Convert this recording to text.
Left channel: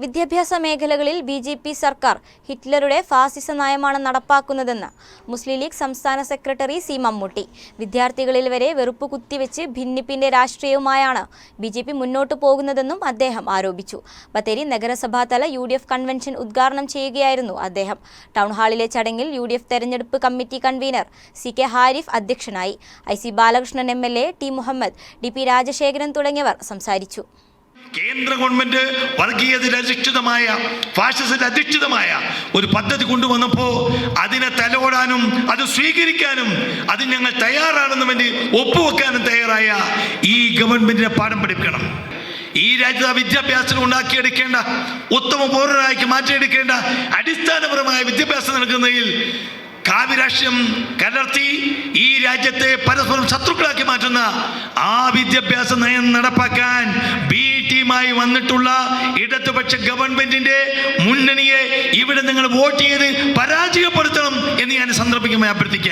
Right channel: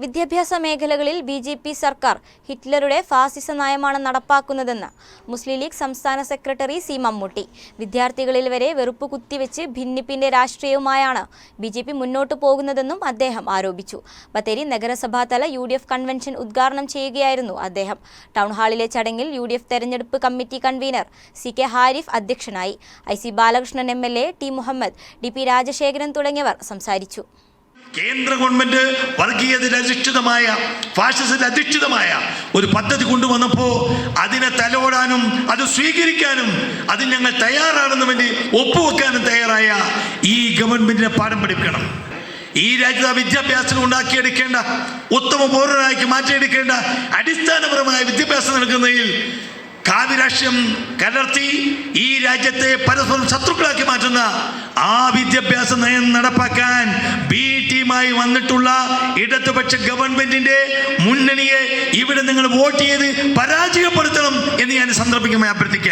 വിദ്യാഭ്യാസ മേഖലകളിൽ B J P സർക്കാർ ഹിറ്റ്ലറുടെ ഫാസിസ നയമാണ് നടപ്പാക്കുന്നതെന്ന് മുസ്ലിം ലീഗ് സംസ്ഥാന സെക്രട്ടറി സി മമ്മൂട്ടി. വിദ്യാർത്ഥികളിൽ വരെ വെറുപ്പ് കുത്തിവെച്ച് ഭിന്നിപ്പിന്റെ രാഷ്ട്രീയവുമായാണ് ബി ജെ പി മുന്നോട്ടു പോകുന്നതെന്നും അദ്ദേഹം ആരോപിച്ചു. ബത്തേരി നഗരസഭാതല യു ഡി എഫ് കൺവെൻഷൻ ഉദ്ഘാടനം ചെയ്യുകയായിരുന്നു അദ്ദേഹം. ടൗൺഹാളിലെ ചടങ്ങിൽ യു ഡി എഫ് തെരഞ്ഞെടുപ്പ് committee convener C K Harif അധ്യക്ഷനായി. I C Balakrishnan M L A T Muhammad D P Rajasekharan തുടങ്ങിയവർ സംസാരിച്ചു. കേന്ദ്ര ഗവൺമെന്റ് വർഗീയതയിൽ അധിഷ്ഠിതമായ ഫാഷിസത്തിൽ അധിഷ്ഠിതമായ ഒരു പദ്ധതി കൊണ്ടുവന്നപ്പോൾ അതിനെ തലോടാനും അത് സ്വീകരിക്കാനും അത് ഞങ്ങൾ തയ്യാറാണെന്ന് വേണ്ടി ഒപ്പുവെക്കാനും തയ്യാറായ ഈ ഗവൺമെന്റിനെ പാഠം പഠിപ്പിക്കണം. ഈ രാജ്യത്ത് വിദ്യാഭ്യാസം ഉണ്ടാക്കിയെടുക്കേണ്ട ഉത്തമ പൗരനാക്കി മാറ്റിയെടുക്കേണ്ട അടിസ്ഥാനപരമായ വിദ്യാഭ്യാസം നൽകുന്നതിൽ കാവ്യരാഷ്ട്രം കലർത്തി ഈ രാജ്യത്തെ പരസ്പരം ശത്രുക്കളാക്കി മാറ്റുന്ന ആ വിദ്യാഭ്യാസ നയം നടപ്പാക്കാൻ വന്നിട്ടുള്ള ഇടതുപക്ഷ ഗവൺമെന്റിന്റെ മുന്നണിയെ ഇവിടെ നിങ്ങൾ വോട്ട് ചെയ്ത് പരാജയപ്പെടുത്തണം എന്ന് ഞാൻ സന്ദർഭിക്കുമ്പോൾ അഭ്യർത്ഥിക്കാം